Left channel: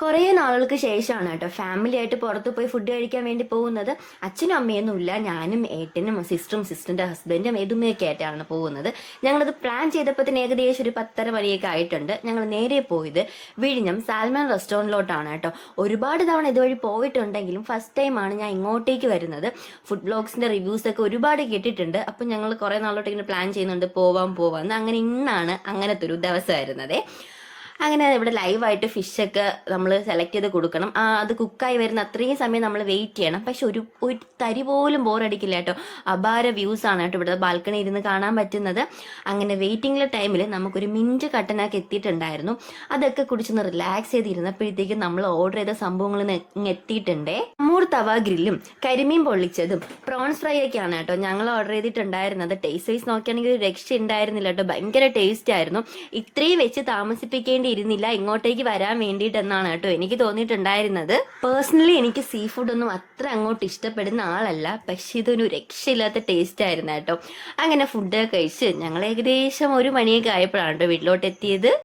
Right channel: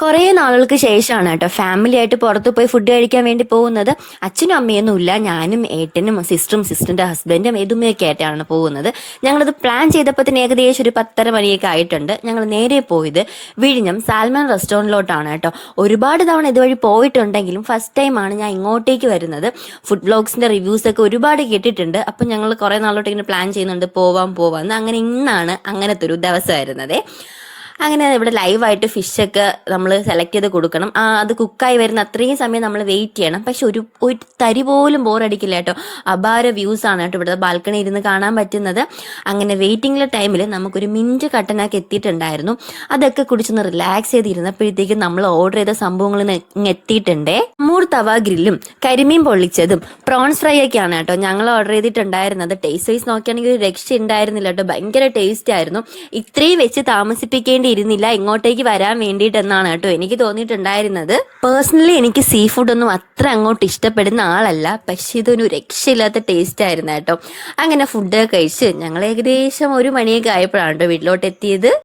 കുറേ നാളുകൾക്ക് ശേഷമാണ് കേട്ടോ ഫാമിലി ആയിട്ട് പുറത്ത് പോയി ഫുഡ് കഴിക്കാൻ വേണ്ടി പോകുന്നത്. അച്ഛനും അമ്മയൊന്നും ഇല്ല, ഞാനും ഏട്ടനും സിസ്റ്ററും സിസ്റ്ററിന്റെ ഹസ്ബൻഡും എതുമയൊക്കെ ആയിട്ടാണ് പോകുന്നത്. ഞങ്ങളത് പ്ലാൻ ചെയ്തപ്പോൾ തന്നെ ഏകദേശം ഒരു 10:30 ആയിട്ടുണ്ട്. ഞങ്ങൾ നേരെ പോയത് വിഴിഞ്ഞം സാൽമൺ റെസ്റ്റോറൻറ്റിലോട്ടാണ് കേട്ടോ. ഒരുപാട് തവണ ഇതുവഴി പോയിട്ടുണ്ടെങ്കിലും ഫസ്റ്റ് ടൈമാണ് ഞാൻ ഇങ്ങോട്ടേക്ക് വരുന്നത്. ഫുഡ് വ്ലോഗ്സിന്റെ റിവ്യൂസ് ഒക്കെ ഒരുപാട് കേട്ടിട്ടുണ്ട്. അപ്പം ഞങ്ങൾ കുറേ നാളോട്ട് ഇങ്ങനെ പ്ലാൻ ചെയ്യുന്നുണ്ട്, പോവാന്ന്. അങ്ങനെ ഇന്നാണ് അങ്ങനത്തെ ഒരു ദിവസമായിരുന്നത്. അങ്ങനെ ഇവിടെ ലൈവായിട്ട് ഫിഷൊക്കെ നമ്മൾ സെലക്ട് ചെയ്ത് കൊടുക്കണം. അത് കുക്കായി വരുന്ന അത്രയും സമയം നമ്മൾ വെയിറ്റ് ചെയ്യണം. പക്ഷെ ഒരു ഒരു തരി പോലും ബോറടിക്കില്ല കേട്ടോ. അപാര വ്യൂസ് ആണ് കേട്ടോ ഇവിടെ ബാൽക്കണി ഇരുന്ന് കാണാൻ പറ്റുന്നത്. അങ്ങനെ വെയിറ്റിംഗിലെ ടൈമിൽ നമുക്കൊരു മിൻറ്റ് കട്ടനാക്കി എത്തിയിട്ടുണ്ടായിരുന്നു. അതൊക്കെ കുടിച്ചൊന്ന് റിലാക്സ് ചെയ്തിരുന്നപ്പോഴത്തേക്കും നമ്മൾ ഓർഡർ ചെയ്ത സംഭവങ്ങൾ എത്തിയിട്ടുണ്ടേ. മൂർ തവ ഗ്രില്ലും കരിമീൻ പൊള്ളിച്ചതും പ്രോൺസ് ഫ്രൈ ഒക്കെയാണ് കേട്ടോ ഞങ്ങൾ ഓർഡർ ചെയ്തിട്ടുണ്ടായിരുന്നത്. ടേസ്റ്റ് വൈസ് നോക്കുകയാണെങ്കിൽ ഒരു രക്ഷ ഉണ്ടായിരുന്നില്ല കേട്ടോ. ഭയങ്കര ടേസ്റ്റ് ആയിരുന്നു. ഇത്രയും വെച്ച് താമസിപ്പിക്കേണ്ടി ഇരുന്നില്ല ഇങ്ങോട്ടേക്ക് വരാൻ വേണ്ടിയിട്ടെന്നാണ് കേട്ടോ എനിക്ക് തോന്നിയിട്ടുണ്ടായിരുന്നത്. പേഴ്സണലി എനിക്ക് സീ ഫുഡ് ഒന്നും അത്ര അങ്ങോട്ട് ഇഷ്ടപ്പെടുന്ന ആളല്ല, പക്ഷെ ഇതൊരു രക്ഷയില്ലാത്ത ടേസ്റ്റ് ആയിരുന്നു കേട്ടോ. അങ്ങനെ ഫുഡ് കഴിച്ച് ഞങ്ങൾ ഏകദേശം 1 മണിയൊക്കെ ആയപ്പോഴാണ് കേട്ടോ വീട്ടിലോട്ട് എത്തിയത്.